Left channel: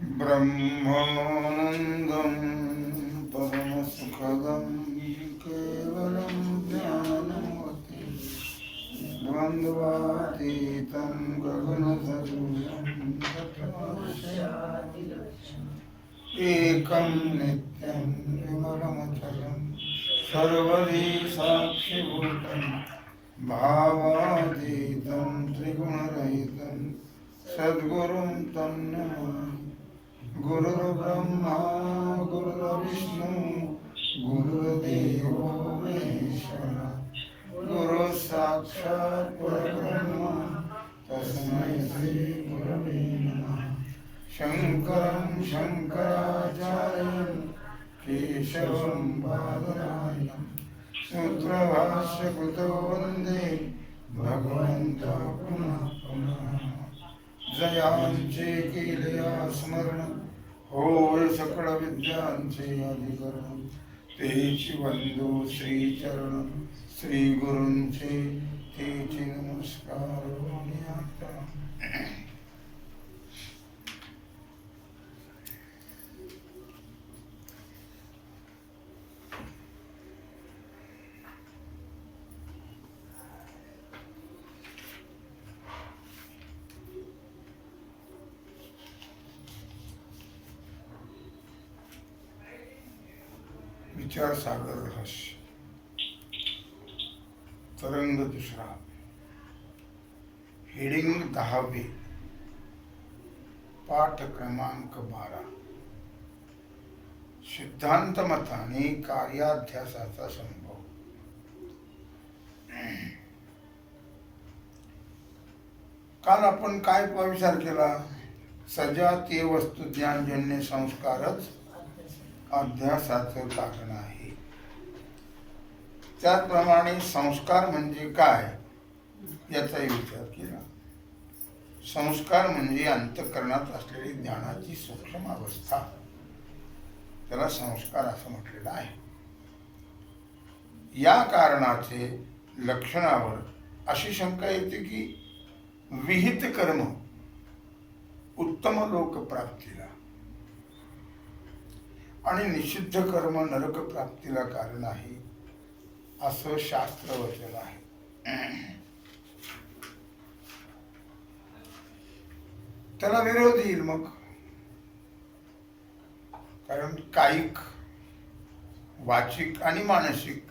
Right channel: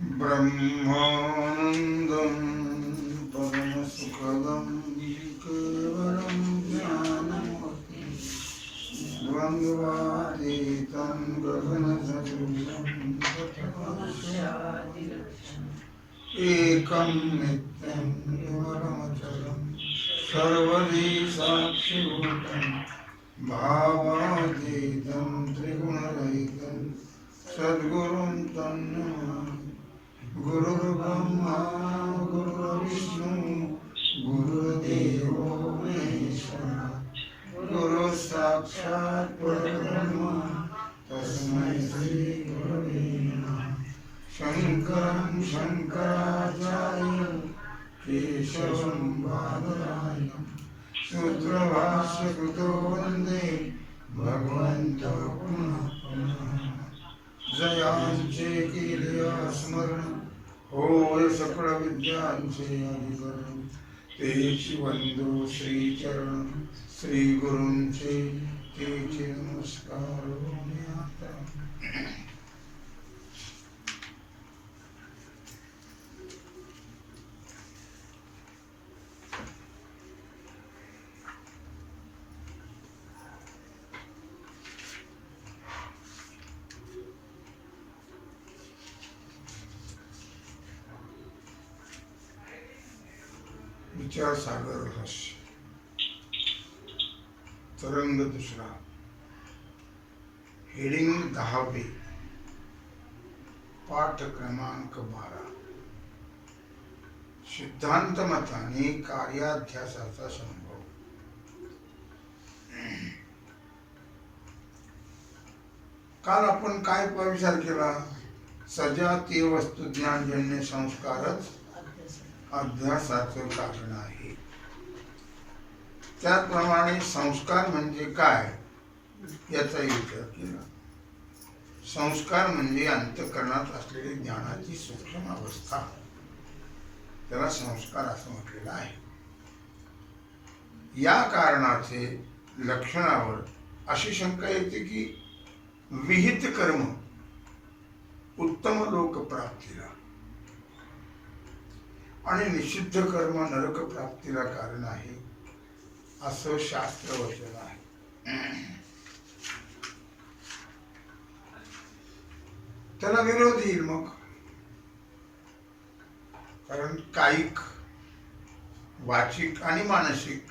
ब्रह्मानन्दं परमसुखदं केवलं ज्ञानमूर्तिं द्वन्द्वातीतं गगनसदृशं एकं नित्यं विमलमचलं सर्वदी साक्षिभूतं भावातीतं त्रिगुणरहितं सद्गुरुं तं नमामि। गुरुर्ब्रह्मा गुरुर्विष्णु गुरुर्देवो महेश्वरः गुरुः साक्षात् परब्रह्म तस्मै श्री गुरवे नमः। शङ्करं शङ्कराचार्यं केशवं बादरायणं सूत्रभाष्यकृतो वन्दे भगवन्तः पुनः पुनः। जयांचे केलिया स्मरण होय सकळ विद्यांचे अधिकरण तेची वंदो श्रीचरण श्री गुरूंचे तेचे नमस्कार होण्याता। विचार सागर रहस्य तरंग दुसरा हेडिंग 10वे पाठ क्रमांक 12 सिद्धांत मताने कार्याध्यासाचा संभव। काल आपण काय विचार केला? सजातीय वस्तुज्ञानजन्य संस्कारच अध्यासाचं कारण आहे। त्याप्रमाणे संस्कार म्हणजे काय याचा विचार केला। संस्कार म्हणजे अंतःकरणात असलेली ज्ञानाची सूक्ष्म अवस्था, त्याला संस्कार असं म्हटलेलं आहे। या कारणाचे लक्षणावर अशी शंका येते की विहित कर्म उत्तम लोक प्राप्तीला आणि निषिद्ध कर्म नरक प्राप्तीला कारण आहे असं शास्त्र वचन आहे। त्याला विरोध येईल मग, कारण कायिक वाचिक आणि मानसिक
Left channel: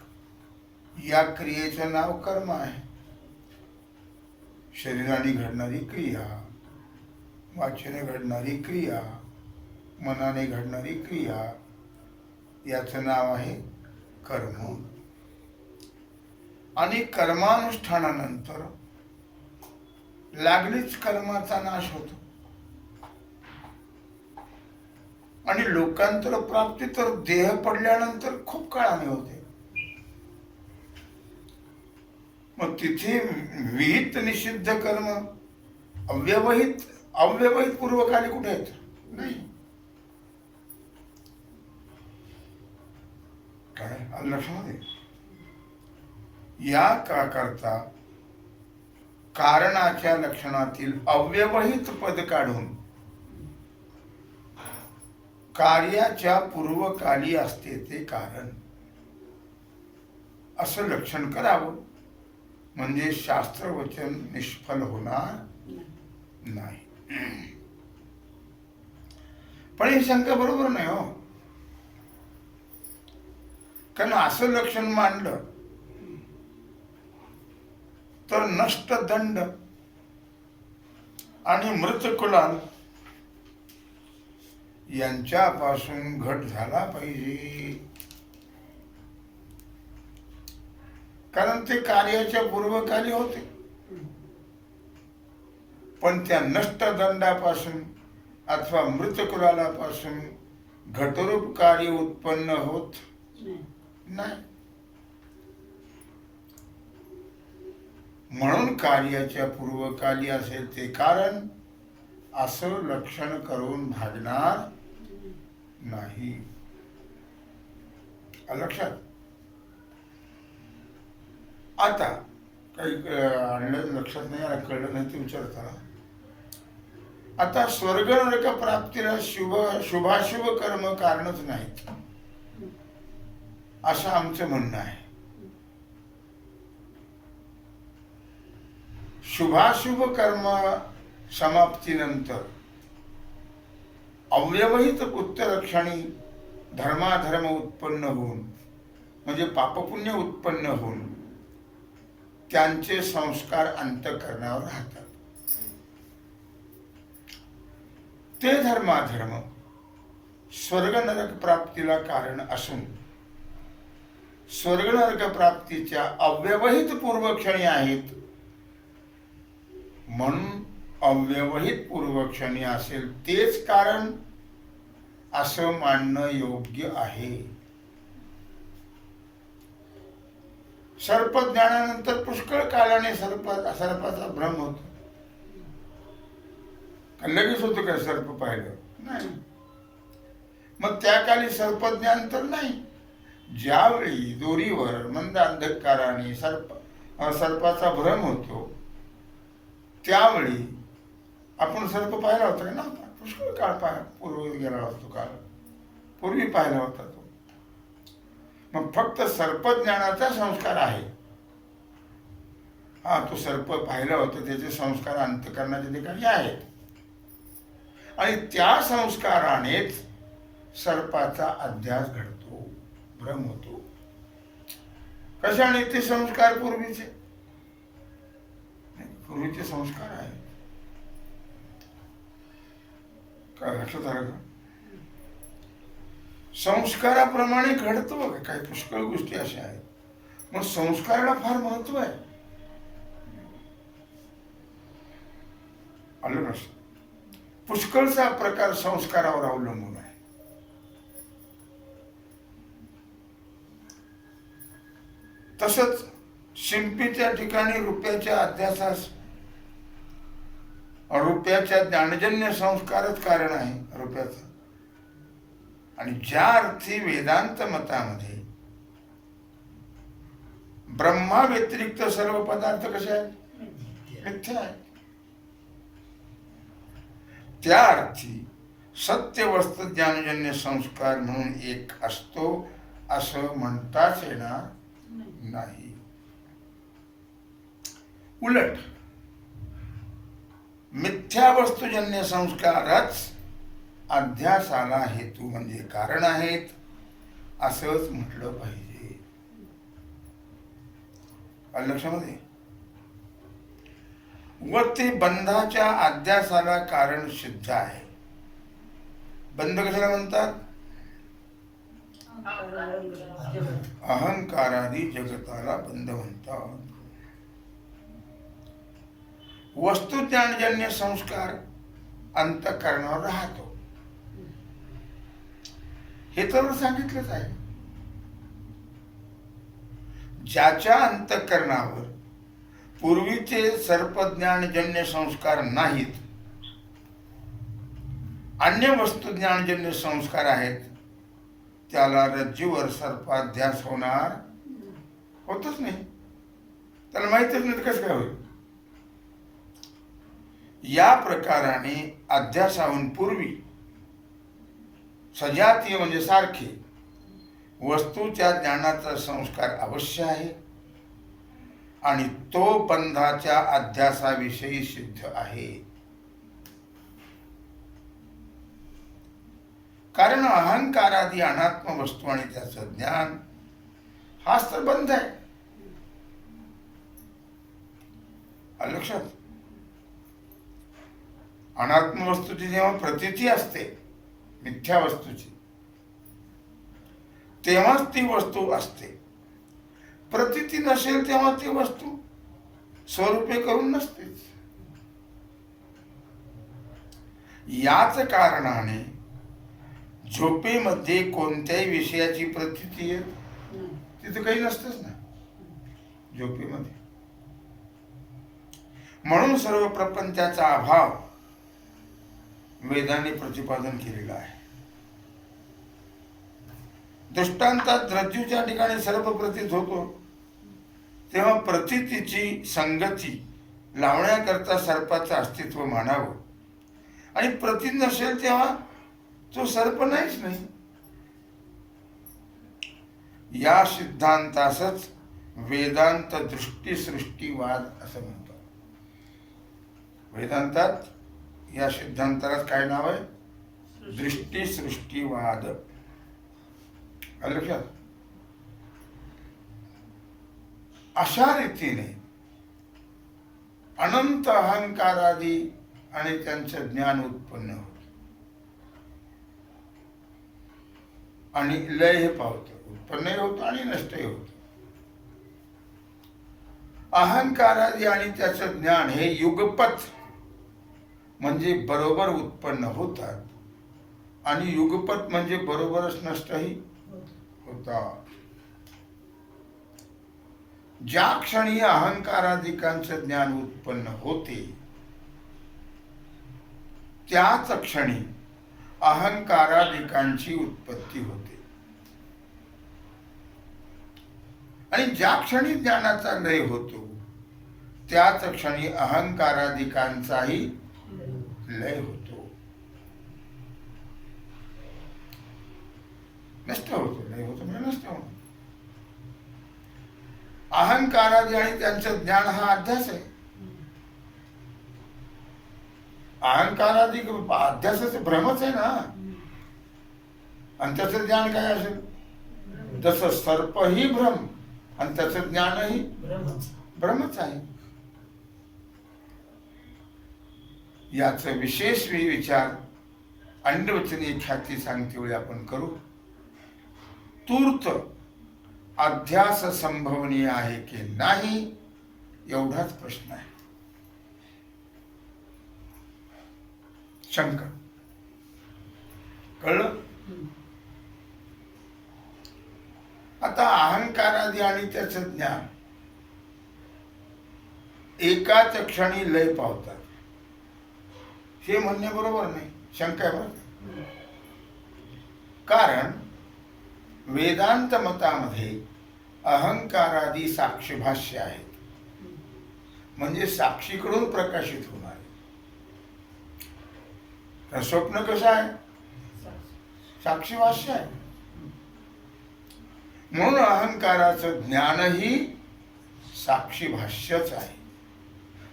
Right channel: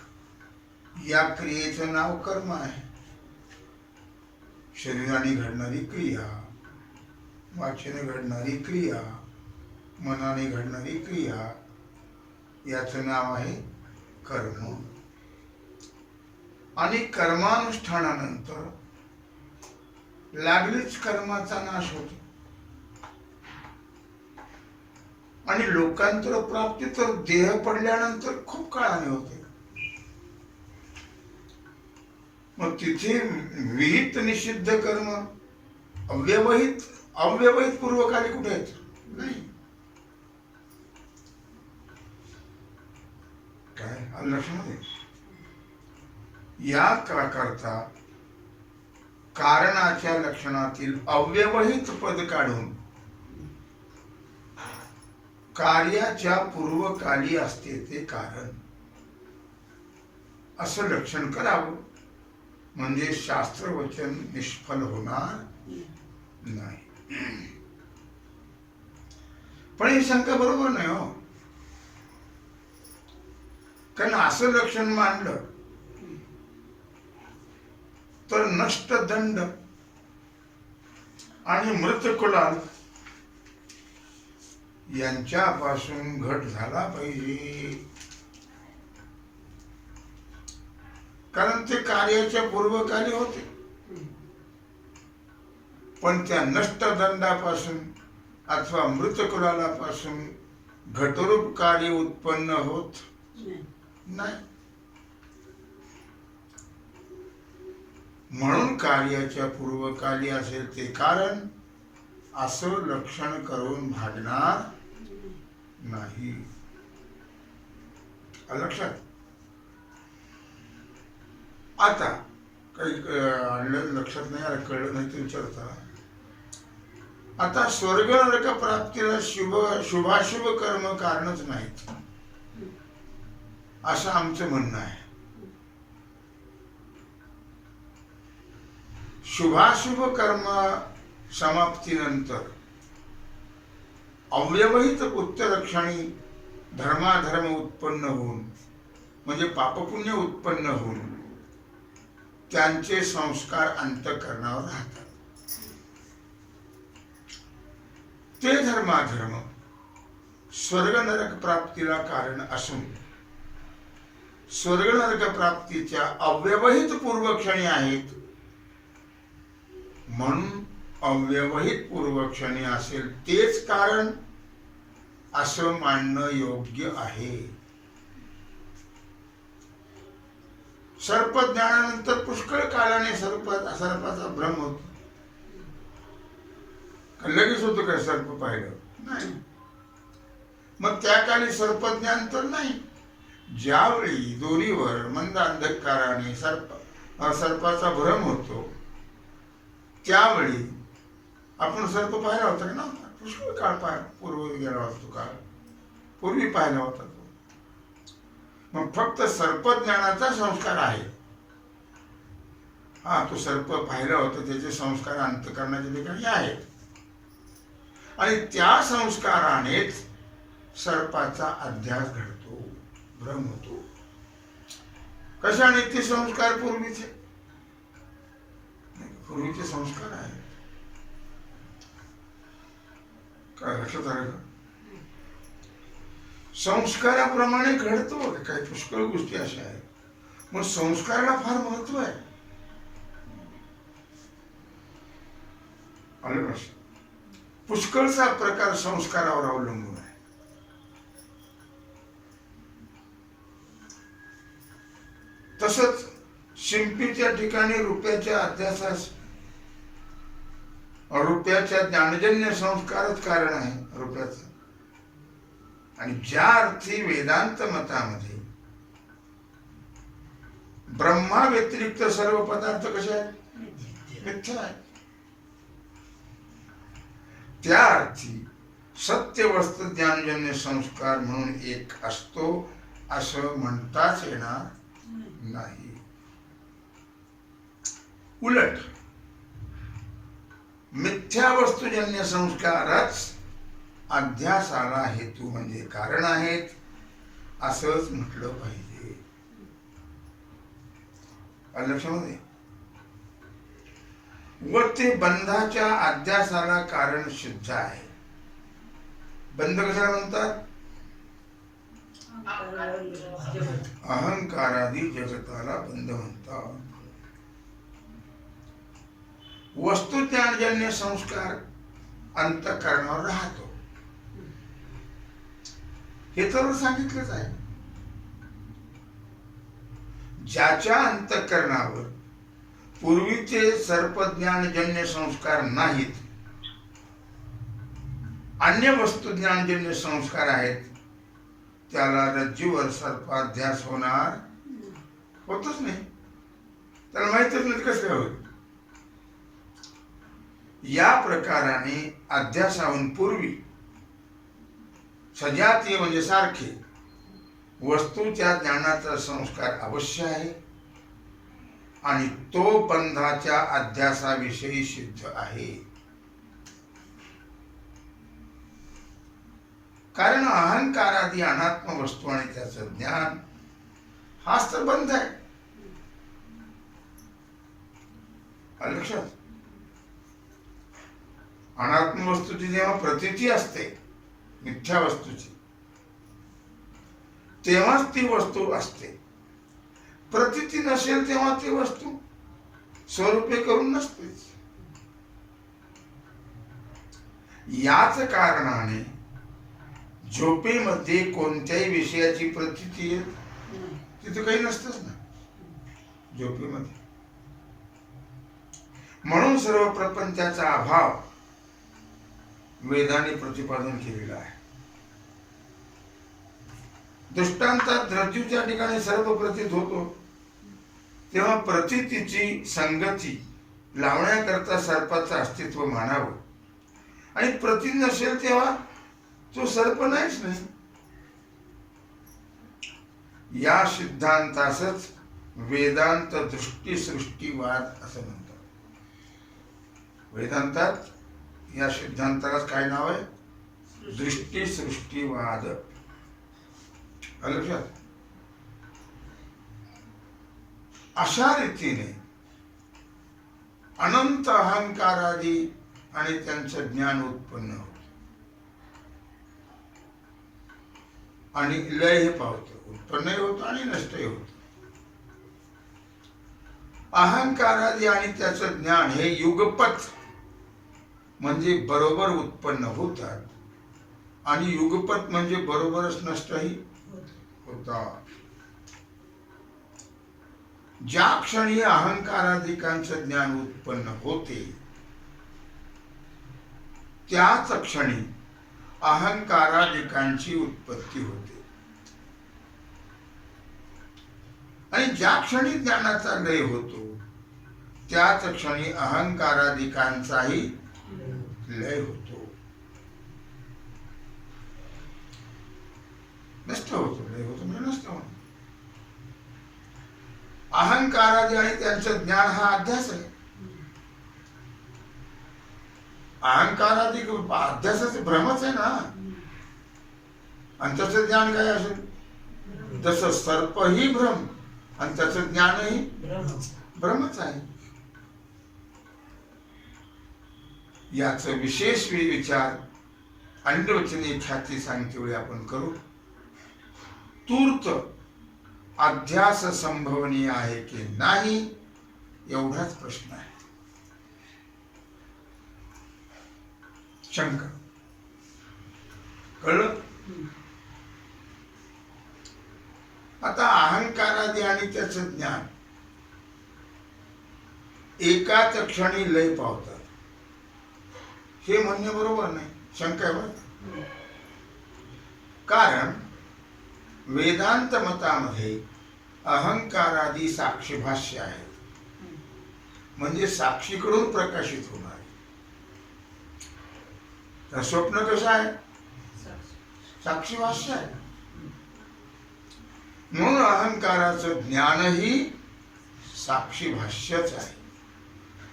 या क्रियेचं नाव कर्म आहे। शरीराने घडणारी क्रिया, वाचेने घडणारी क्रिया, मनाने घडणारी क्रिया याचं नाव आहे कर्म। आणि कर्मानुष्ठानानंतर लागलीच कर्माचा नाश होतो आणि लोकांतर प्राप्ती तर देह पडल्यानंतर खूप काळाने होते। मग तिथे विहित निषिद्ध कर्म अव्यवहित पूर्वकाली कुठे आहेत? नाही। काय लक्षामध्ये या करता कारणाच्या लक्षणातील अव्यवहित पद काढून कार्याच्या पूर्वकाली असते ते कारण असं लक्षण करावं, म्हणजे शास्त्रवचन निष्फल होणार नाही। पण ही शंका बरोबर नाही हो, कारण असं लक्षण मांडलं तर नष्ट दंड आणि मृत कुलाल यांच्यापासून घट झाला पाहिजे, कारण ते कार्याच्या पूर्वकाली होते। पण त्या नष्ट दंडापासून अथवा मृत कुलालापासून घटरूप कार्य उत्पन्न होत नाही। म्हणून कार्याच्या पूर्वकाली असेल ते कारण असं लक्षण करून भागणार नाही। लक्षात आता काही लक्षात नाही आलं, कळलं नाही ते विचारता आता स्वर्ग नरक प्राप्तीला शुभाशुभ कर्म कारणच नाहीत असं आमचं म्हणणं आहे. शुभाशुभ कर्म समाप्तीनंतर अव्यवहित पुत्ररक्षणी धर्माधर्म उत्पन्न होऊन म्हणजे पापपुण्य उत्पन्न होऊन त्यांचे संस्कार अंतःकरणावर राहतात. ते धर्माधर्म स्वर्ग नरक प्राप्तीला कारण असून स्वर्ग नरक प्राप्तीच्या अव्यवहित पूर्वक्षणी आहेत. म्हणून अव्यवहित पूर्वक्षणी असेल तेच कारण असं मानणं योग्य आहे. सर्पज्ञानानंतर पुष्कळ कालाने सर्पाचा भ्रम होतो. लगेच होतो काय सर्प पाहिलं नाही. मग त्या काली सर्पज्ञान तर नाही. ज्यावेळी दोरीवर मंद अंधकाराने सर्पाचा भ्रम होतो त्यावेळी आपण सर्प पाहिला होता ना. पुष्कळ काळ पूर्व गेला होता तो काळ, पूर्वी पाहिला होता तो. मग फक्त सर्पज्ञानाचा संस्कार आहे. हा तो सर्प पाहिला होता त्याचे संस्कार अंतःकरणाच्या ठिकाणी आहेत आणि त्या संस्कारानेच सर्पाचा अध्यास घडतो, भ्रम होतो. कशाने? ते संस्कार पूर्वीचे संस्कार आहेत. काय लक्षात आलं का? संस्काराप्रमाणे घडतो. काही पुष्कळ गोष्टी अशा आहेत. मग संस्काराला फार महत्व आहे. आलं कसं? पुष्कळचा प्रकार संस्कारावर अवलंबून आहे. तसंच शिंपीच्या ठिकाणी रुपयाच्या अध्यासास रुपयाच्या ज्ञानजन्य संस्कारच कारण आहे रुपयाचा. आणि ज्या अर्थी वेदांत मतामध्ये ब्रह्मा व्यतिरिक्त सर्व पदार्थ कसे आहेत? मिथ्या आहेत. त्या अर्थी सत्य वस्तू ज्ञानजन्य संस्कार म्हणून एक असतो असं म्हणताच येणार नाही. उलट मिथ्या वस्तुजन्य संस्कारच अध्यासाला हेतू म्हणजे कारण आहेत असंच म्हटलं पाहिजे. लक्षामध्ये व ते बंधाच्या अध्यासाला कारण सिद्ध आहे. बंध कशाला म्हणतात? अहंकारादी जगताला बंध म्हणतात. वस्तुज्ञानजन्य संस्कार अंतःकरणावर राहतो हे तर सांगितलंच आहे. ज्याच्या अंतःकरणावर पूर्वीचे सर्पज्ञानजन्य संस्कार नाहीत, अन्य वस्तुज्ञानजन्य संस्कार आहेत, त्याला रज्जूवर सर्पाध्यास होतच नाही. त्याला माहितच नाही कसं काय होईल. या प्रकाराने अध्यासाहून पूर्वी सजातीय म्हणजे सारखे वस्तूच्या ज्ञानाचा संस्कार अवश्य आहे आणि तो बंधाच्या अध्यासाविषयी सिद्ध आहे. कारण अहंकारादी अनात्म वस्तू आणि त्याचं ज्ञान हाच तर बंध आहे. लक्षात, अनात्म वस्तूची जेव्हा प्रतीती असते मिथ्या वस्तूची तेव्हाच ती वस्तू असते. प्रतीती नसेल तेव्हा ती वस्तू स्वरूपे करून नसतेच. याच कारणाने झोपेमध्ये कोणत्याही विषयाची प्रतीती तिथे काही नसतंच ना झोपेमध्ये. म्हणून सर्व प्रपंचाचा अभाव वेदाने प्रतिपादन केलेला आहे. दृष्टांतात रज्जूच्या ठिकाणी सर्व प्रतीत होतो तेव्हा प्रतीतीची संगती लावण्याकरता सर्पाचं अस्तित्व मानावं आणि प्रती नसेल तेव्हा तो सर्प नाहीच नाही. या सिद्धांतासच वेदांत दृष्टी सृष्टीवाद असं म्हणतात. वेदांतात या सिद्धांताला काय नाव आहे? दृष्टी सृष्टीवाद. लक्षात. अशा रीतीने अनंत अहंकारादी आणि त्यांचं ज्ञान उत्पन्न होत आणि लय पावतं, उत्पन्नही होतं आणि नष्टही होतं. अहंकारादी आणि त्याचं ज्ञान हे युगपत म्हणजे बरोबर उत्पन्न होतात आणि युगपत म्हणजे बरोबरच नष्टही होतात. ज्या क्षणी अहंकाराधिकांचं ज्ञान उत्पन्न होते त्याच क्षणी अहंकाराधिकांची उत्पत्ती होते आणि ज्या क्षणी ज्ञानाचा लय होतो त्याच क्षणी अहंकाराधिकांचाही लय होतो, नष्ट होतो. लय होतो म्हणजे नष्ट होतो. अहंकारादी आणि त्यांचं ज्ञान हा अध्यास आहे. अहंकारादी अध्यासाच भ्रमच आहे ना. आणि त्याचं ज्ञान काय असेल? तसं सर्पही भ्रम आणि त्याचं ज्ञानही भ्रमच आहे. याचं विशेष विचार अंडवचनी ख्याती सांगते वेळी आपण करू. तूर्त अध्यास संभवनीय आहे की नाही एवढाच प्रश्न आहे. शंका. कळलं? आता अहंकारादी आणि त्याचं ज्ञान एकाच क्षणी लय पावतात हे म्हणणे बरोबर नाही. शंका आहे बरं. कारण वेदांत मतामध्ये अहंकारादी साक्षीभाष्य आहेत, म्हणजे साक्षीकडून प्रकाशित होणार. स्वप्न कसं आहे? साक्षीभाष्य आहे. म्हणून अहंकाराचं ज्ञानही साक्षीभाष्यच आहे,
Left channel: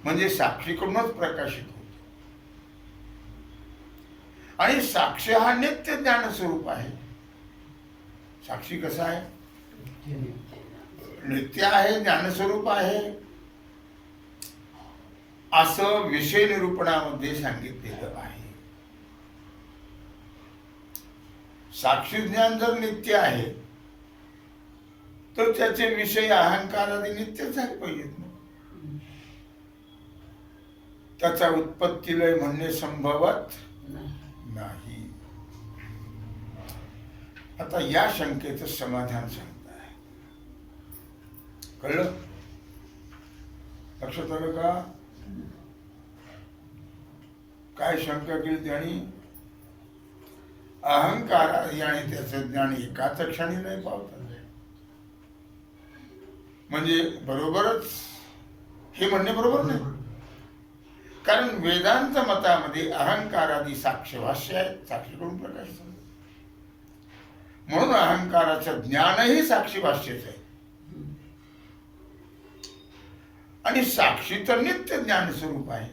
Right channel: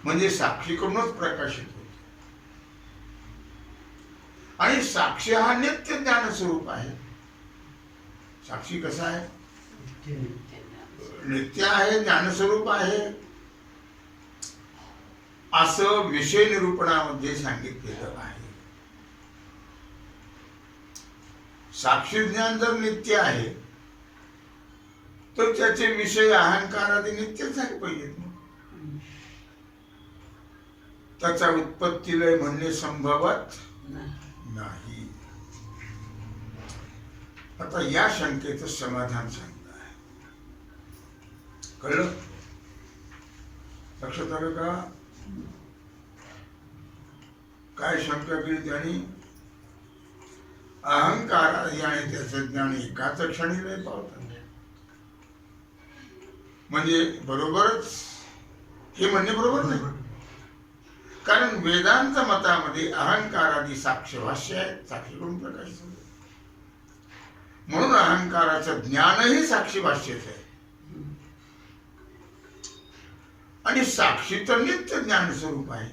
म्हणजे साक्षीकडूनच प्रकाशित होत. आणि साक्षी हा नित्य ज्ञान स्वरूप आहे. साक्षी कसा आहे? नित्य आहे, ज्ञानस्वरूप आहे असं विषय निरूपणामध्ये सांगितलेलं आहे. साक्षी ज्ञान जर नित्य आहे तर त्याचे विषय अहंकारादी नित्य झाले पाहिजेत. त्याचा उत्पत्ती लय म्हणणे संभवत नाही. आता या शंकेचं समाधान सांगताय. कळलं? लक्षात आलं का? काय शंका केली त्यांनी? अहंकारादी आणि त्याचं ज्ञान एकाच क्षणी लय पावतात म्हणजे बरोबरच हे म्हणणे बरोबर नाही. कारण वेदांत मतामध्ये अहंकारादी साक्षीभाष्य आहेत, साक्षीकडून प्रकाशित. म्हणून अहंकाराचं ज्ञानही साक्षीभाष्यच आहे. आणि साक्षी तर नित्य ज्ञान स्वरूप आहे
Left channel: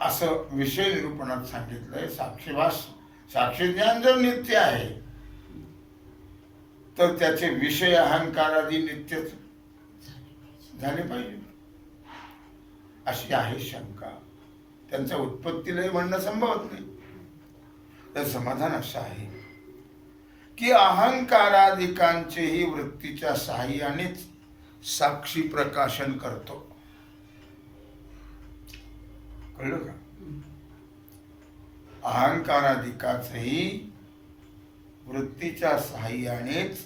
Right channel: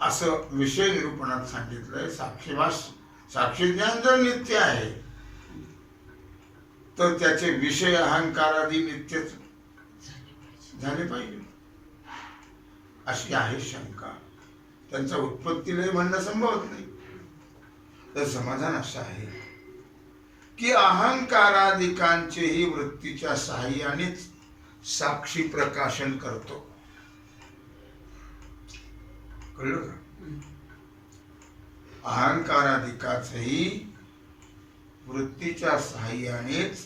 असं विषय निरूपणात सांगितलंय. साक्षी ज्ञान जर नित्य आहे तर त्याचे विषय अहंकारादी नित्यच झाले पाहिजे अशी आहे शंका. त्यांचा उत्पत्तीलय म्हणणं संभवत नाही. तर समाधान असं आहे की अहंकारादिकांचेही वृत्तीच्या साहाय्यानेच साक्षी प्रकाशन करतो. कळलं का? अहंकारादिकाचेही वृत्तीच्या साहाय्यानेच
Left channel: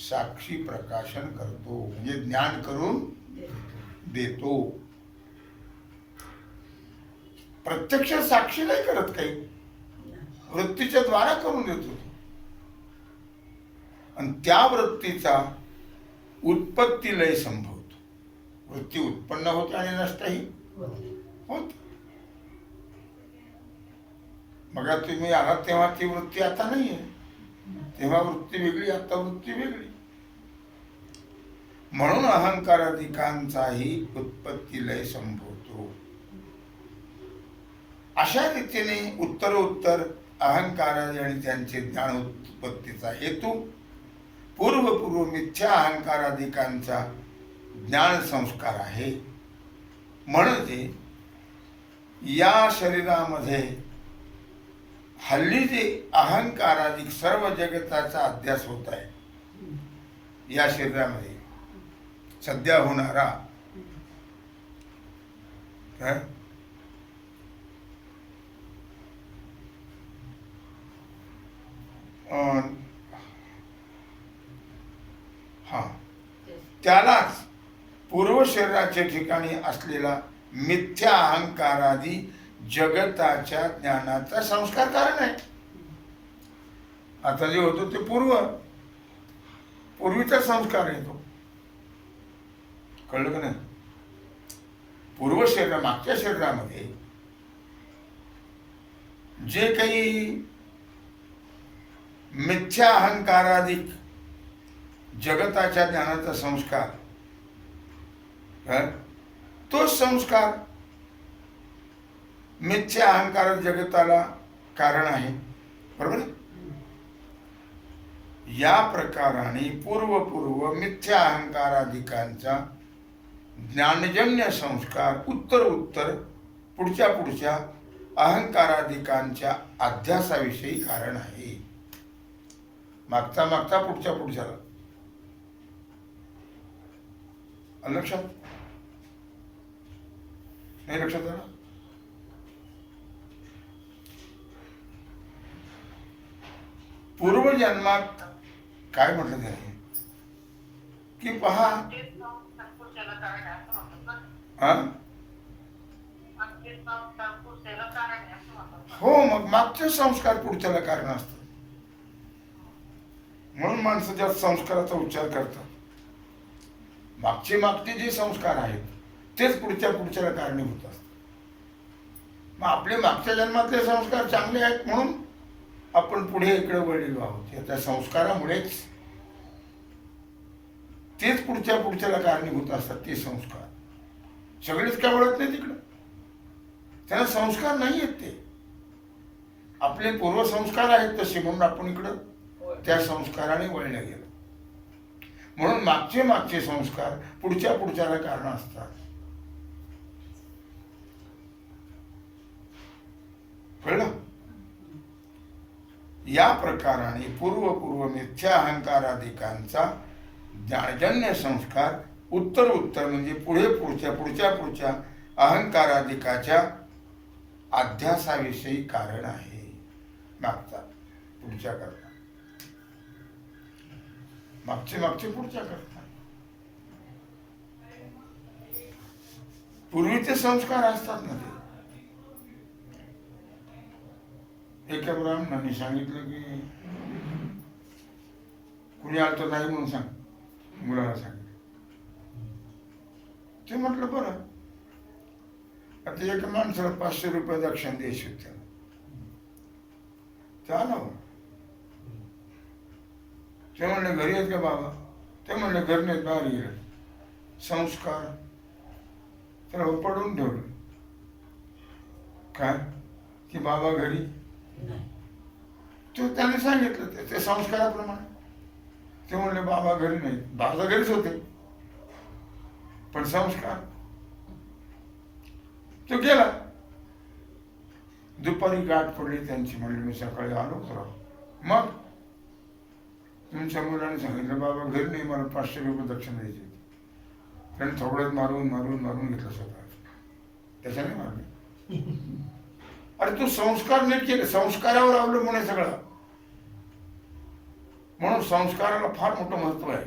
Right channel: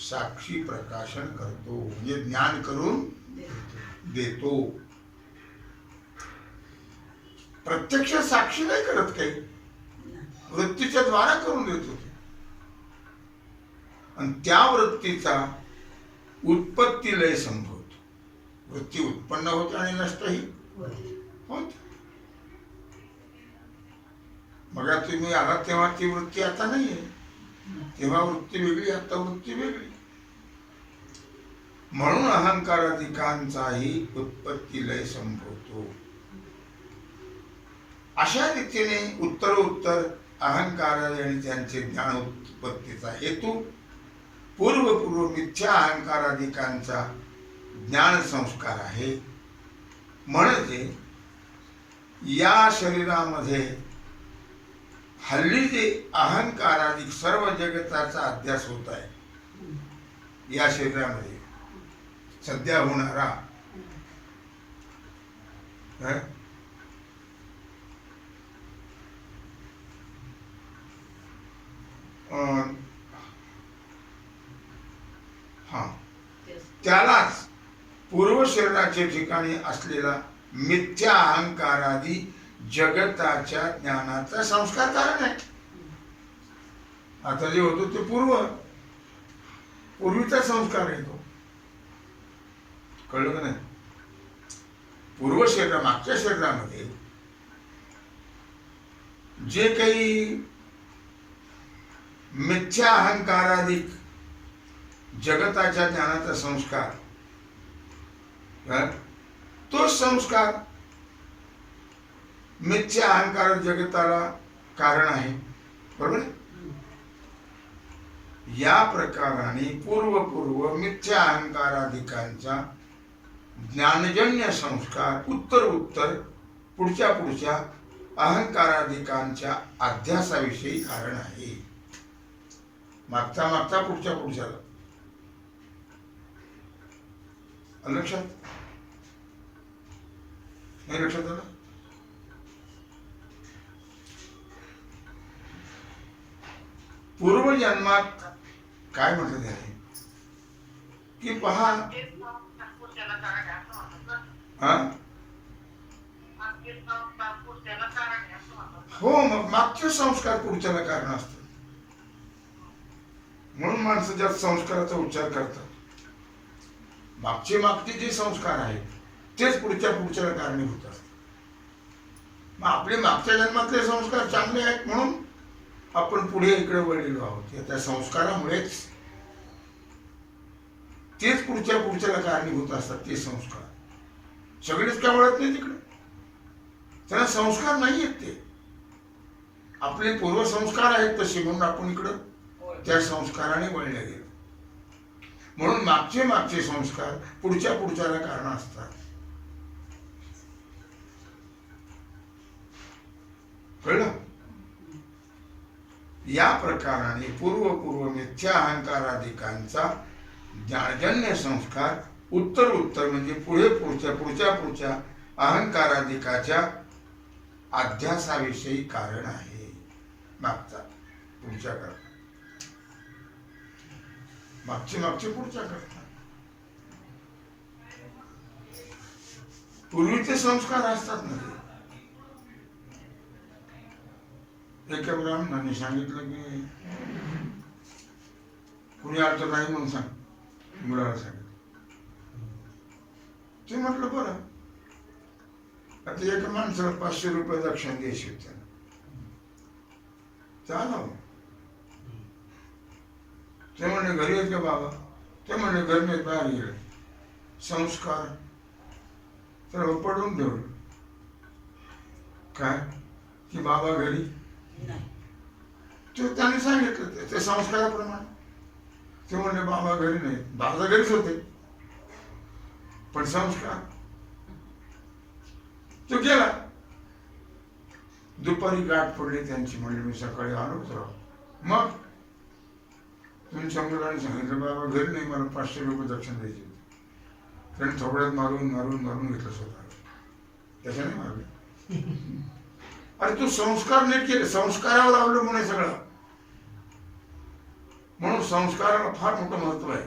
साक्षी प्रकाशन करतो, म्हणजे ज्ञान करून देतो. प्रत्यक्ष साक्षी नाही करत, काही वृत्तीच्या द्वारा करून देतो. आणि त्या वृत्तीचा उत्पत्ती लय संभवतो. वृत्ती उत्पन्न होते आणि नष्टही होते. बघा तुम्ही आलात तेव्हा ती वृत्ती आता नाही आहे. तेव्हा वृत्ती वेगळी, आता वृत्ती वेगळी. म्हणून अहंकाराधिकांचाही उत्पत्ती लय संभवतो. अशा रीतीने उत्तरोत्तर अहंकाराने आणि त्यांचे ज्ञान उत्पत्तीचा हेतू पूर्वपूर्व मिथ्या अहंकाराधिकांचा ज्ञान संस्कार आहे. म्हणजे या शरीरामध्ये हल्ली जे अहंकाराधिक सर्व जगताचा अध्यास होत आहे, या शरीरामध्ये सध्या होणारा त्यालाच पूर्व शरीराच्या ठिकाणी असलेला मिथ्या अहंकारादी जगताच्या ज्ञानाचा संस्कार कारण आहे. आता जे होतो ते पूर्वीचा संस्कार आहे तो. कळलं का नाही? पूर्व शरीरा मागच्या शरीरामध्ये जे काही मिथ्या अहंकाराधिक जगताच्या ज्ञानाचा संस्कार, तो संस्कार मिथ्या अहंकार जगताला कारण आहे. बरोबर. या प्रकाराने पूर्व मिथ्या अहंकाराधिकांचा ज्ञानजन्य संस्कार उत्तर पुढच्या अहंकाराधिकांच्या अध्यासाविषयी कारण आहे. मागचा पुढच्याला लक्षात नाही? लक्षात आलं? पूर्वजन्मात काय म्हटलं त्याने की पहा, हो, मग मागचे संस्कार पुढच्याला कारण असतात. म्हणून माणसं ज्या संस्काराचा उच्चार करतात, मागचे जे संस्कार आहेत तेच पुढच्याला कारणीभूत असतात. मग आपले मागच्या जन्मातले संस्कार चांगले आहेत म्हणून आपण पुढे इकडे वळलेलो आहोत. त्या संस्कारामुळेच तेच पुढच्याला कारणीभूत असतात. ते संस्कार सगळेच काय वळत नाही तिकडे, त्यांना संस्कार नाही आहेत. ते आपले पूर्वसंस्कार आहेत तसे, म्हणून आपण इकडं त्या संस्काराने वळले गेलो. म्हणून मागचे संस्कार पुढच्याला कारण असतात. कळलं? या प्रकाराने पूर्व मिथ्या अहंकाराधिकांचा ज्ञानजन्य संस्कार उत्तर म्हणजे पुढे पुढच्या अहंकाराधिकाच्या अध्यासाविषयी कारण आहे. मागचा पुढच्या करता, मागचे पुढच्या करता. पूर्वीचे संस्कार असतात ना. ते एका ब्राह्मणाने सांगितलं की कुणी आलं तर नाही म्हणून सांग, मुलाला सांगितलं. ते म्हटलं बरं. आता एका माणसाला 500 रुपये दक्षिणा द्यायची होती. आला. ते म्हणले घरी येत का बाबा? ते म्हणले घर नाही, बाहेर गेले. संस्कार त्याला पडवून ठेवलं. काय की बाबा घरी नाही, ते त्याने सांगितलं ते संस्काराप्रमाणे. ते म्हणले बाबा घरी नाही. बाबा घरीच होते पण संस्कार. तो गेला. दुपारी गाठ पडली त्यांची. म्हणले मी सकाळी आलो तर मग तुमच्या मुलाने सांगितलं बाबा घरी नाही, मला 500 रुपये दक्षिणा द्यायची होती. कारण थोड्यात मारून घेतलं स्वतः. त्याच्याने मारले. अरे तू संस्कार नीट केले, संस्कारावर अवलंबून आहे सगळं. म्हणून संस्काराला फार मोठं महत्व आहे.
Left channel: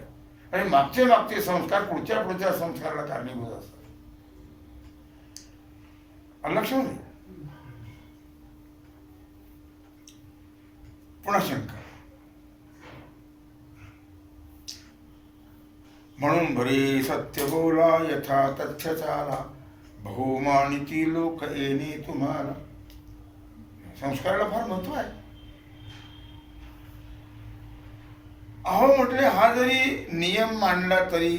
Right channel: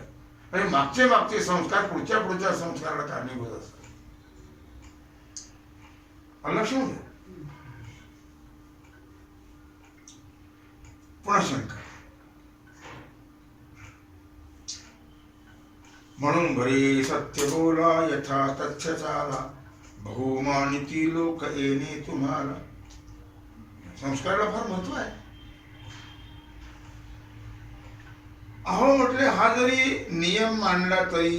आणि मागचे संस्कार पुढच्या संस्काराला कारणीभूत असतात. लक्षात. पुन्हा शंका. म्हणून बरे सत्य बोला यथा तथ्य चाला, बहुमानिती लोक येणे तुम्हाला. संस्काराला फार महत्व आहे. अहो म्हटले, हा जरी नियम मांडला तरी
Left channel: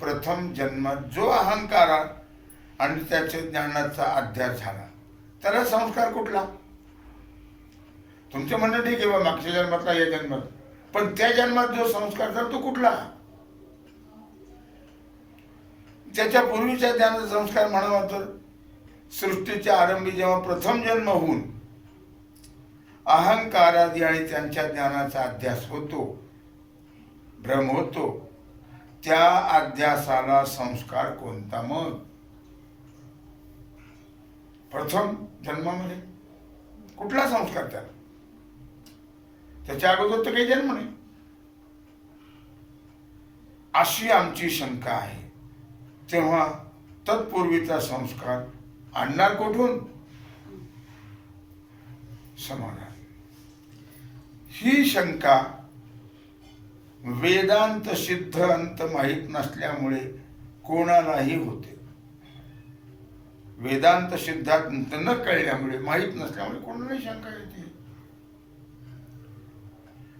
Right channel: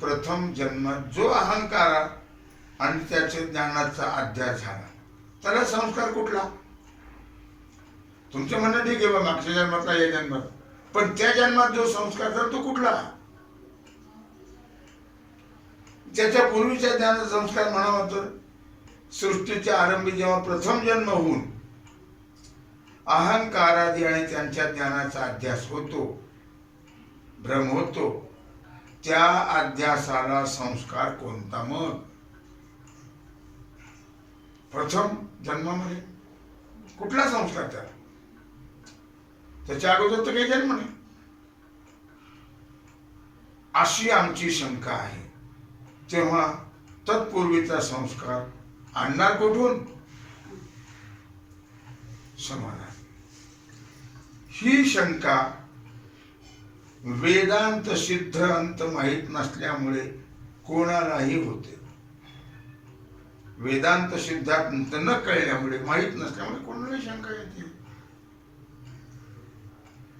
प्रथम जन्म जो अहंकार आणि त्याच्या ज्ञानाचा अध्यास झाला त्याला संस्कार कुठला? तुमचं म्हणणं ठीक आहे बा, मागच्या जन्मातला या जन्मात, पण त्या जन्मात जो संस्कार झाला तो कुठला? त्याच्या पूर्वीच्या ज्ञानाचा संस्कार म्हणावा तर सृष्टीच्या आरंभी जेव्हा प्रथम जन्म होऊन अहंकारादी आणि त्यांच्या ज्ञानाचा अध्यास होतो, भ्रम होतो, त्या अध्यासाला संस्कार कोणता? मग प्रथम जन्मामध्ये कुठला संस्कार त्याला? त्याच्या अगोदर तर काही जन्म नाही. अशी आमची शंका आहे. तेव्हा तत्पूर्वीचा संस्कार आणणार कुठून? समाधान. ही शंका वेदांत सिद्ध अंत माहीत नसल्यामुळे कोणालाही होते. वेदांत सिद्धांत न कळल्यामुळे, माहीत नसल्यामुळे कोणालाही शंका येते.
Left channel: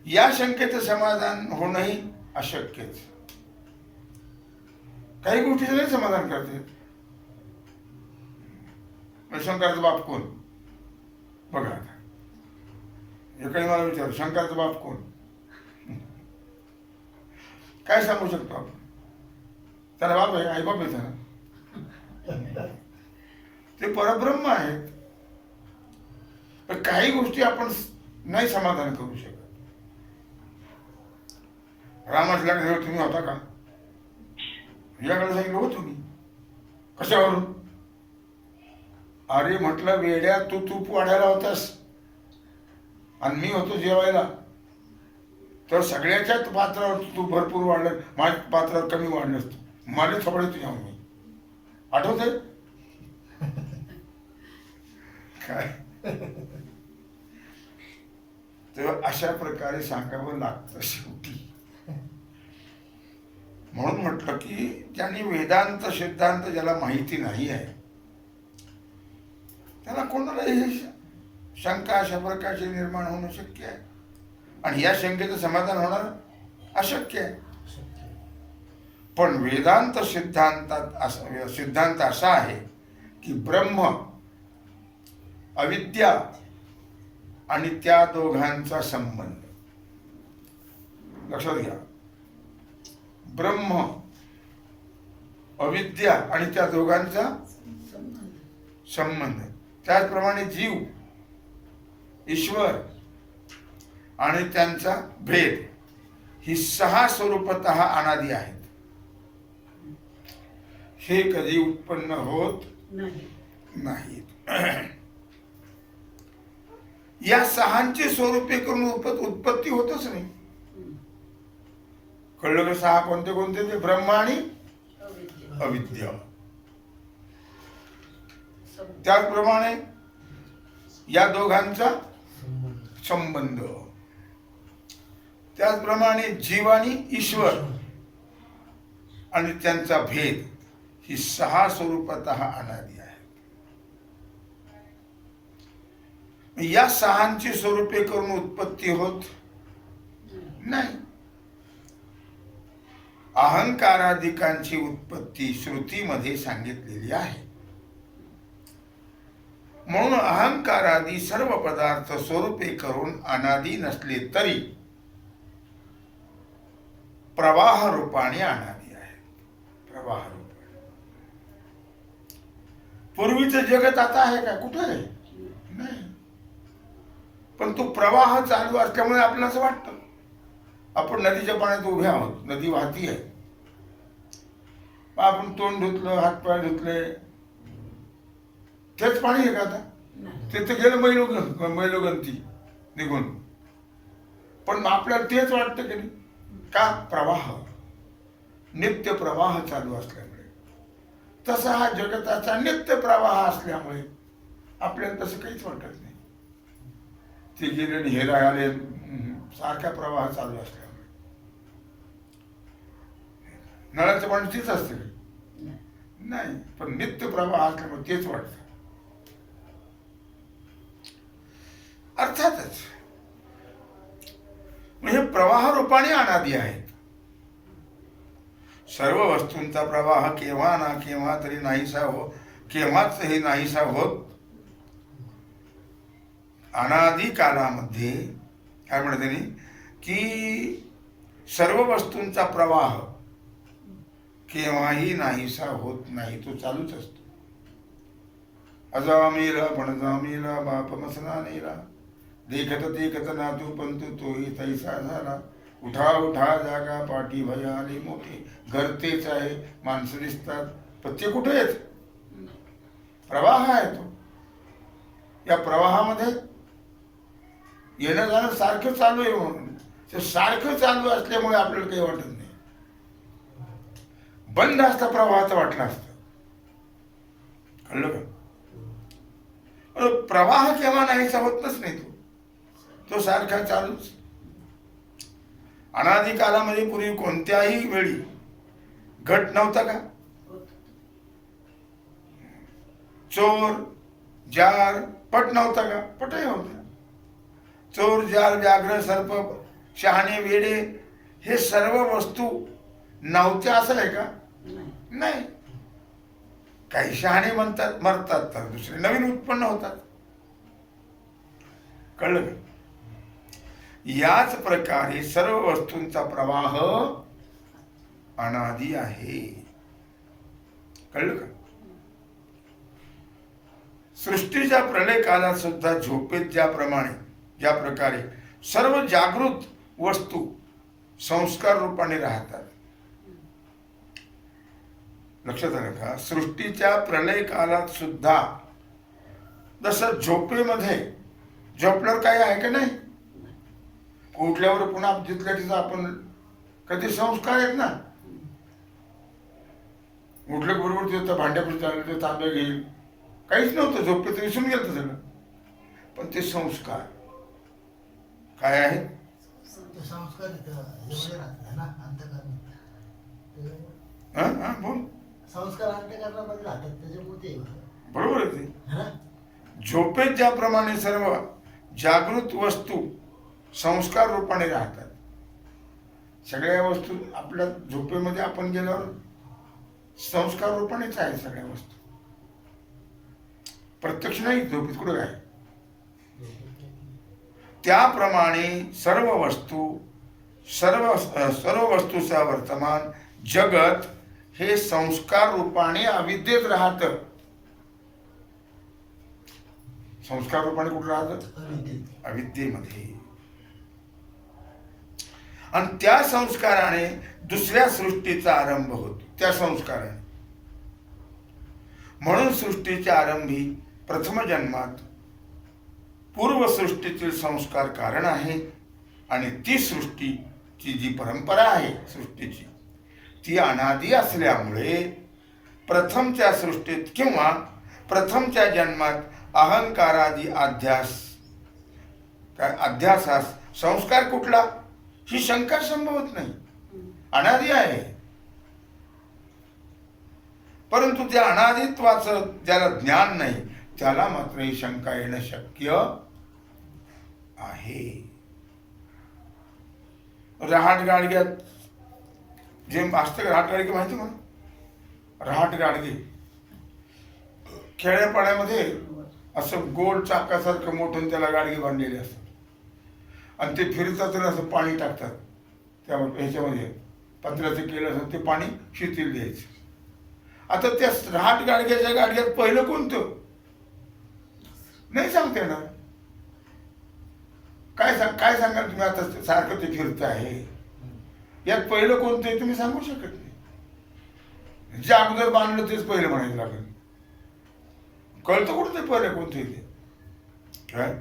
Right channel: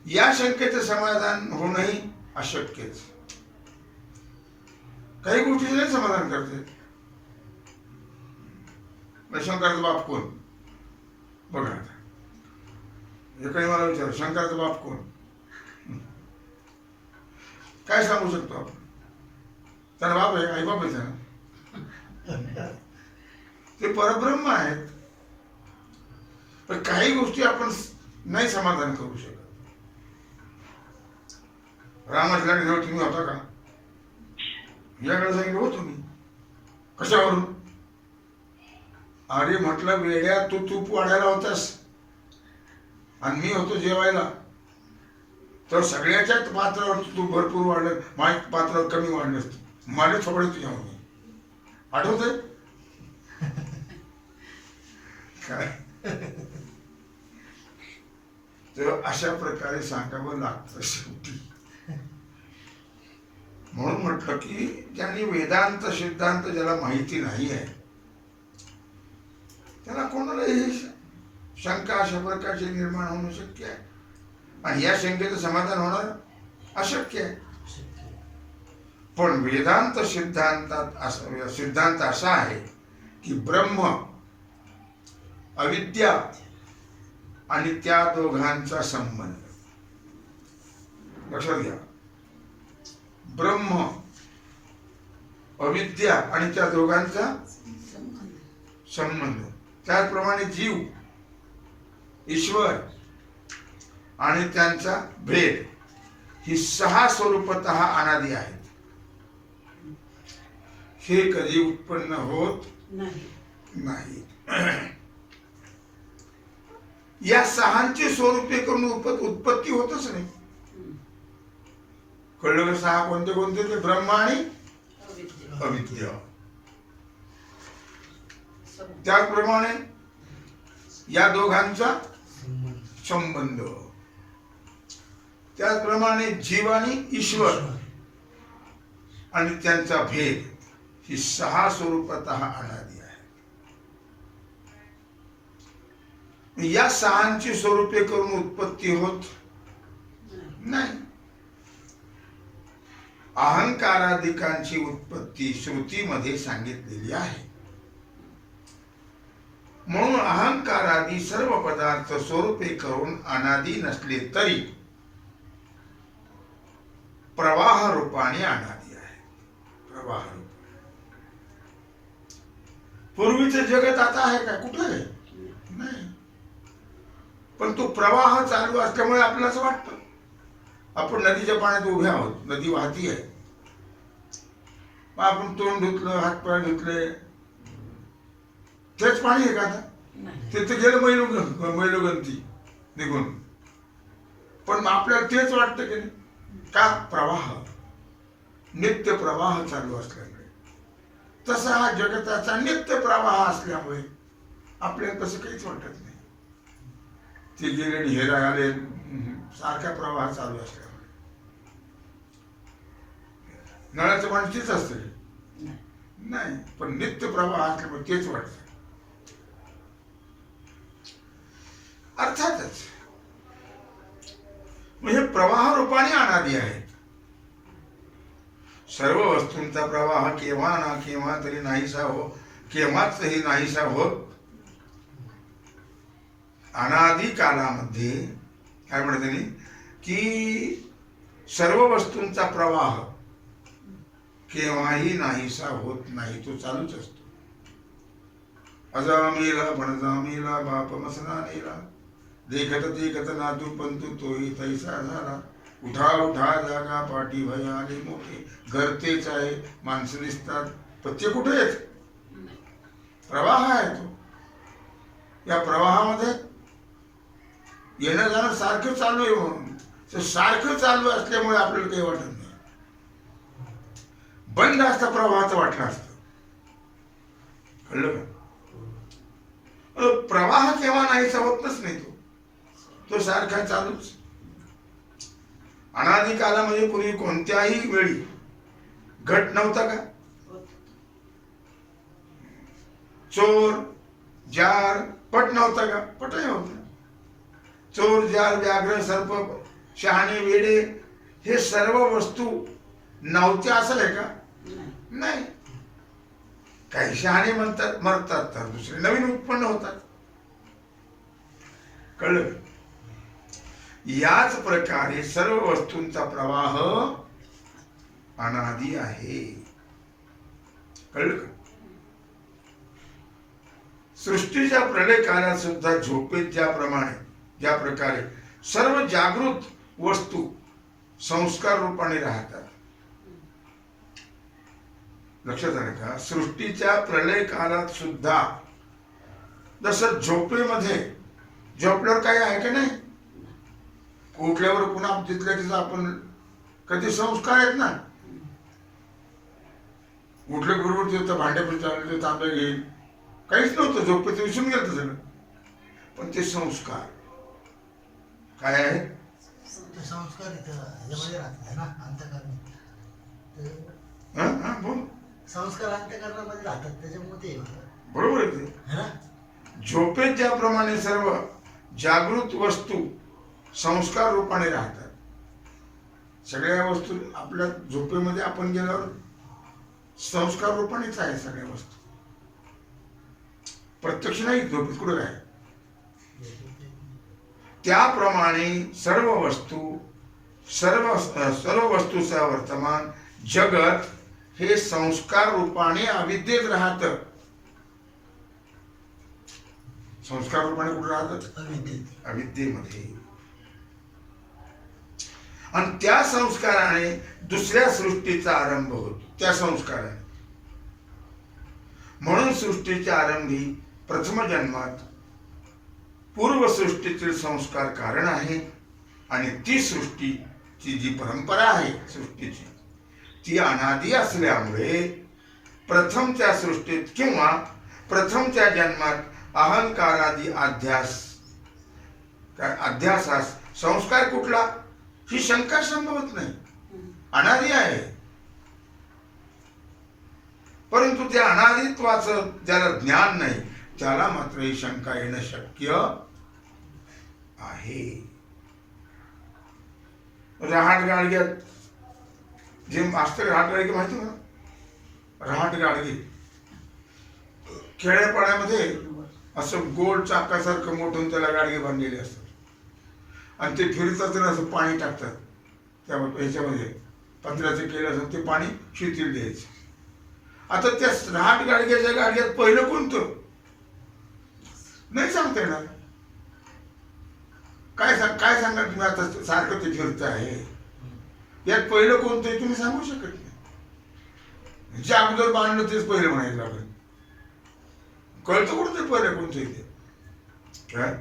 या शंकेचं समाधान होणंही अशक्यच. काही गोष्टीचं नाही समाधान करते. शंकराचा बाप कोण? बघा आता, एकाने मला विचारलं शंकराचा बाप कोण? काय सांगू शकतो आपण? त्याला बाप आहे, आई बाप आहे त्याला. ते परब्रह्म आहेत. पण काही गोष्टी आपण नाही समाधान करू शकत. रामाच्या लग्नावर तुम्ही होता का? याकडे सांगितलं हो तुम्ही. कशावरून? अरे म्हटलं, वेड्या, तू तूप वाढायला होतास आणि मी होतो जेवायला, तर सगळ्याच्याच पात्रावर तू भरपूर वाढलं, माझ्या पात्रावर कमी वाढलं असतं. मला थोडे तुझ्या होती. आठवतंय काय? तर अशा प्रकारे सांगावं लागतं शेवटी. म्हणून म्हटलं की ज्यांनी वेदांत सिद्धांत ज्याला माहिती नाही आहे त्याला कोणाला हे शंका अशा प्रकारचे निर्माण होणं शक्य आहे. आणि या शंकेचं समाधान होणार अशक्य आहे. पण वेदांत सिद्धांत असा आहे की ब्रह्म, अविद्या आणि त्या दोघांचा संबंध. लक्षात घ्या, ब्रह्म, अविद्या आणि त्या दोघांचा संबंध. त्याचप्रमाणे जीव, ईश्वर आणि त्यांचा भेद, ही 6 स्वरूपतः अनादि आहेत. हे कधी उत्पन्न होत नाही. या 6ची स्वरूपे करून उत्पत्ती होतच नाही. कळलं का? 6 कोणते कोणते? ते ब्रह्म आणि अविद्या. त्याचप्रमाणे या दोघांचा संबंध. त्याचप्रमाणे जीव आणि ईश्वर आणि त्यांचा भेद, ही 6 स्वरूपतः अनादि आहे. या 6ची स्वरूपे करून उत्पत्ती होत नाही. अहंकाराधिकांची उत्पत्ती श्रुतीमध्ये सांगितलेली आहे. म्हणून अहंकारादी सर्व पदार्थ स्वरूपे करून अनादि नसले तरी प्रवाह रूपाने अनादि आहे. प्रवाह रूपाने. पूर्वीचं जगत आता आहे का? कुठं आहे? नाही. पण तो प्रवाह चालू असल्यामुळे आपल्याला असं वाटतं आपण नदीच्या पाण्यात उभे आहोत. नदी वाहती आहे. आपण तोंड धुतलं, हातपाय धुतले, तेच पाणी आहे का आता? ते तर गेलं मैलोगंती निघून. पण आपल्याला तेच वाटतं की नाही? का? प्रवाह, नित्य प्रवाह चालू असल्यामुळे. तसा हा जगताचा नित्य प्रवाह असल्यामुळे आपल्याला तसं काहीच वाटत नाही. ते गेले हे आले, सारखा प्रवाह चालू असल्यामुळे. नळाचं पाणी तीच असते नाही, पण नित्य प्रवाह असल्यामुळे तेच वाटतं. अर्थातच म्हणजे प्रवाह रूपाने अनादी आहेत. सर्व वस्तूंचा प्रवाह केव्हा ना केव्हा तरी नाहीसा केव्हाचही नाहीसा होत. अनादी कालामध्ये काय म्हणत त्यांनी की सर्व वस्तूंचा प्रवाह केव्हाही नाहीसा होत नाही, तो चालूच असतो. अजा मेला पणजा मेला बाप मसना नेला, देखत देखत नातू पंतू तोही तैसा झाला. उठा उठा जागा पाठी भयाले मोठे, घर तेच आहे माणसं दिसतात पण ते कुठे येत. प्रवाह आहे तो. या प्रवाहामध्ये येणं जाणं सारखं चालू आहे. म्हणून ते सारखं चालू असल्यामुळे आपल्याला काही वाटत नाही. बंद असता प्रवाहाचं वाटलं असतं. कळलं का? प्रवाह केव्हा नाहीसा होतच नाही. तो सारखा चालूच. अनादी कालामध्ये पूर्वी कोणत्याही वेळी घट नव्हता का? चोर जार पट नव्हता का? पटही होता. चोर जार व्याघ्र सर्प शहाणे वेडे हे सर्व वस्तू नव्हत्या असं आहे का? नाही. काही शहाणे म्हणतात मरतात तर दुसरे नवीन उत्पन्न होतात. कळलं का? याच प्रकारे सर्व वस्तूंचा प्रवाह अनादी आहे. कळलं का? सृष्टीच्या प्रलय काळात सुद्धा झोपेत ज्या प्रकारे सर्व जागृत वस्तू संस्कार रूपाने राहतात. लक्षात आलं का? सृष्टीच्या प्रलय काळात सुद्धा जसं झोपेमध्ये झोपल्यावर काय आहे का नाही, उठल्यावर पुन्हा तिथल्या तिथं आपण कधी संस्कार आहेत ना. उठल्या बरोबर तिथं भांड्यावर चाललं, ते तांबे घेईल, काहीच नव्हतं. झोपेत विसरून गेलं सगळं. पण ते संस्कार काय आहे? संस्कार ना अंतःकरण. बोल. संस्कार अंतःकरणामध्ये राहतात, त्याच्यामुळे ते बरोबर आहे ते. झोपेत ज्याप्रमाणे सर्व जागृत वस्तू संस्कार रूपाने राहतात, सगळ्या वस्तू आपल्या झोपेमध्ये आपण गेल्यावर संस्कार रूपानेच आहे सगळ्या वस्तू. प्रत्यक्ष नाही. झोपेत कुठं आहे? त्याप्रमाणे सर्व वस्तूचा वर्तमान जगत हे संस्कार रूपाने अविद्येत राहत. संस्कार रूपाने कुठं राहत? अविद्येमध्ये. आणि त्या संस्काराने दुसऱ्या सृष्टीचा आरंभ होतो. त्या संस्काराने म्हणून सृष्टीच्या आरंभी प्रथम जन्मात पूर्वसृष्टीतील संस्कार कारण आहे. आणि ती सृष्टीची जी परंपरा आहे सृष्टीची, ती अनादी असल्यामुळे प्रथमच्या सृष्टीत किंवा प्रथमच्या जन्मात अहंकारादी अध्यासास संस्कार कुठला, ही शंका संभवत नाही. अनादी आहे. परंतु त्या अनादित्वाचं ज्याला ज्ञान नाही त्याला मात्र ही शंका येणं शक्य आहे. रहाट गाडग्यात जे असतं, रहाट गाडगे माहिती मला. रहाट गाडगे खेड्यापाड्यामध्ये असं गोल चाकासारखं मोठं त्याला गाडगे बांधलेले असतात आणि ते फिरतात तर असं पाणी टाकतात त्या ह्याच्यामध्ये. पत्र्याचं केलं असं ते पाणी शिथिल द्यायचं. आता त्या रहाट गाडग्याच्या गाडग्यात पहिलं कोणतं नाही सांगता येणार. काय सांगा तुम्ही? आता सारखं ते फिरत आहे, यात पहिलं कोणतं आहे तुम्ही सांगू शकत नाही. जे अगोदर बांधलं तेच पहिलं म्हणायला लागलं. कळतं कुठं ते पहिलं कोणतं आहे ते? काय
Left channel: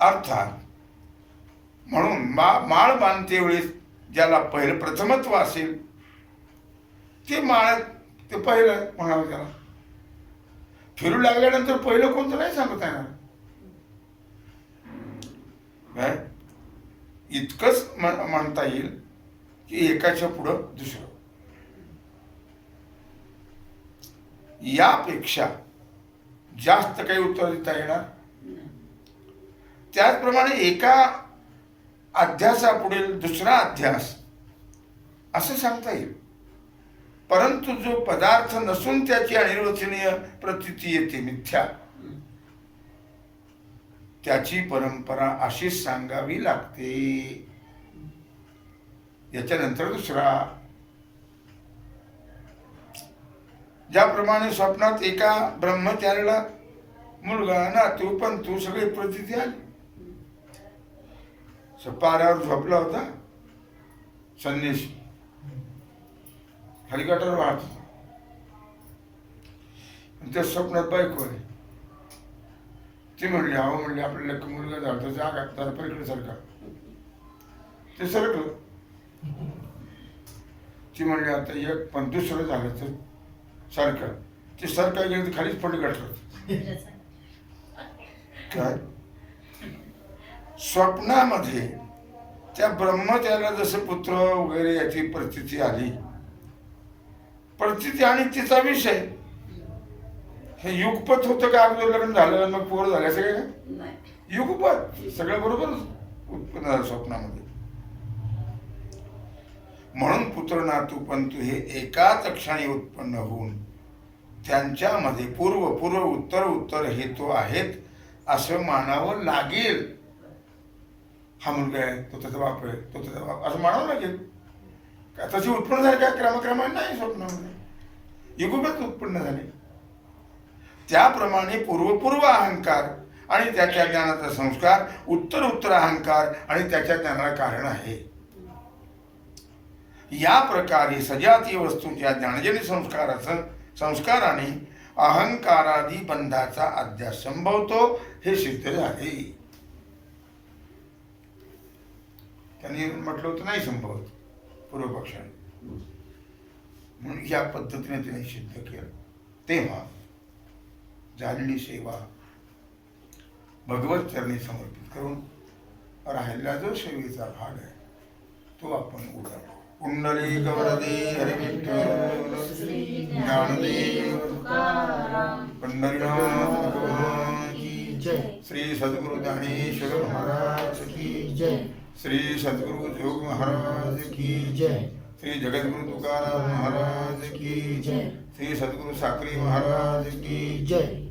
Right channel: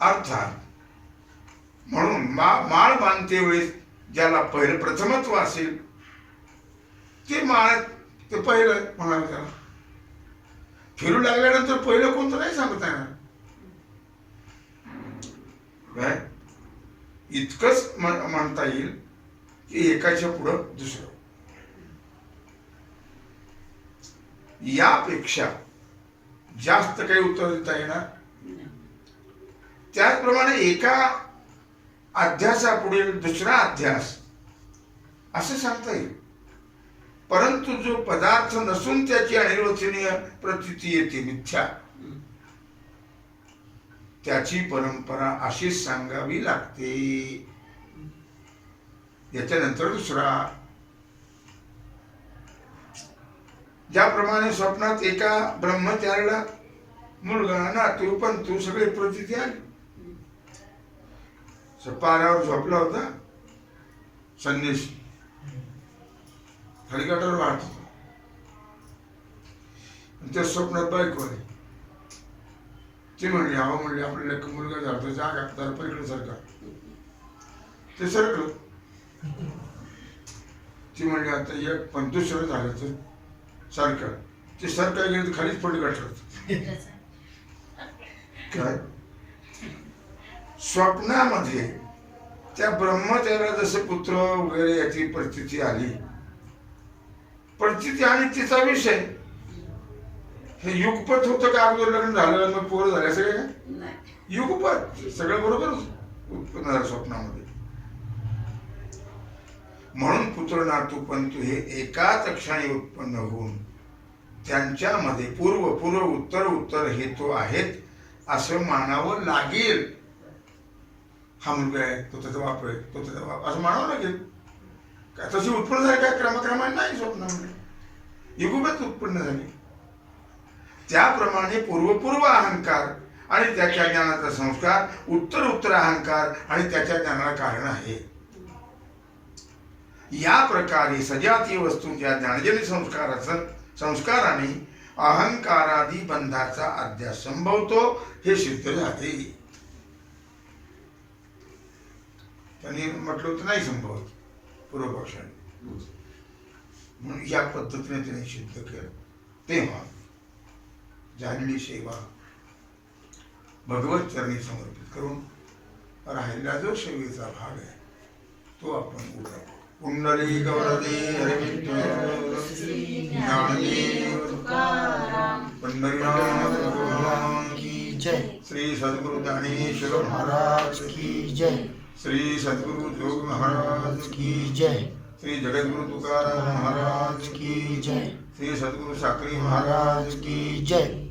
अर्थात म्हणून माळ बांधते वेळेस ज्याला पहिलं प्रथमत्व असेल ते माळ ते पहिलं म्हणावं. त्याला फिरू लागल्यानंतर पहिलं कोणतं नाही सांगता येणार. काय इतकंच म्हणता येईल की एकाच्या पुढं दुसरं. यापेक्षा जास्त काही उत्तर देता येणार त्याचप्रमाणे एका अध्यासापुढील दुसरा अध्यास असं सांगता येईल. परंतु जो पदार्थ नसून त्याची अनिर्वचनीय प्रतीती येते मिथ्या, त्याची परंपरा अशीच सांगावी लागते. याच्यानंतर दुसरा, ज्याप्रमाणे स्वप्नात एका ब्रह्मचार्याला मुलगा नातू पंतू सगळी प्रतीती आली. पारावर झोपला होता संन्यासी, हेलिकॉप्टर वाहत त्या स्वप्नात बायको आली. ती म्हणली अहो म्हणली आपल्याला एक मुलगा झाला तो जागा जरा पलीकडे सरका. ते सरकलं. ती म्हणली आता एक पण दुसरं झालं तर सरकार. ते सरकार गेलं तर खालीच पडली गाठलं. काय स्वप्नामध्ये त्या ब्रह्मचार्याला जसं पुत्र वगैरे याची परिस्थिती आली, परिस्थिती आणि तिचा विषय हे युगपत होतं का अगोदर लग्न झालं मग पोर झाल्या सगळे युगपत सगळं बरोबर उत्पन्न झालं स्वप्नामध्ये. म्हणून पुत्र नातू पंतू हे एकाच क्षणी उत्पन्न होऊन त्यांच्यामध्ये पूर्व पूर्व उत्तर उत्तर हेतू आहेत असं मानावं लागेल. हा मुलगा आहे तो त्याचा बाप आहे तो त्याचा बाप असं म्हणावं लागेल. का तशी उत्पन्न झाली का क्रमाक्रमाने नाही स्वप्नामध्ये युगपत उत्पन्न झाली. त्याप्रमाणे पूर्वपूर्व अहंकार आणि त्याच्या ज्ञानाचा संस्कार उत्तर उत्तर अहंकार आणि त्याच्या ज्ञानाला कारण आहे. या प्रकारे सजातीय वस्तूंच्या ज्ञानजन्य संस्काराने अहंकारादी बंधाचा अध्यास संभवतो हे सिद्ध झाले. त्यांनी म्हटलं होतं नाही संभवत पूर्वपक्षाने, म्हणून या पद्धतीने त्याने सिद्ध केलं. तेव्हा झालेली सेवा भगवत चरणी समर्पित करून राहिलेला जो सेवेचा भाग आहे तो आपण उघडा. कुंडली गवरदे हरिविठ्ठल ज्ञानदेव पंढरीनाथ भगवान की जय. श्री सद्गुरु ज्ञानेश्वर महाराज की जय. श्री सद्गुरु जोग महाराज की जय. श्री जगद्गुरु तुकाराम महाराज की जय. श्री सद्गुरु साक्री महाराज की जय.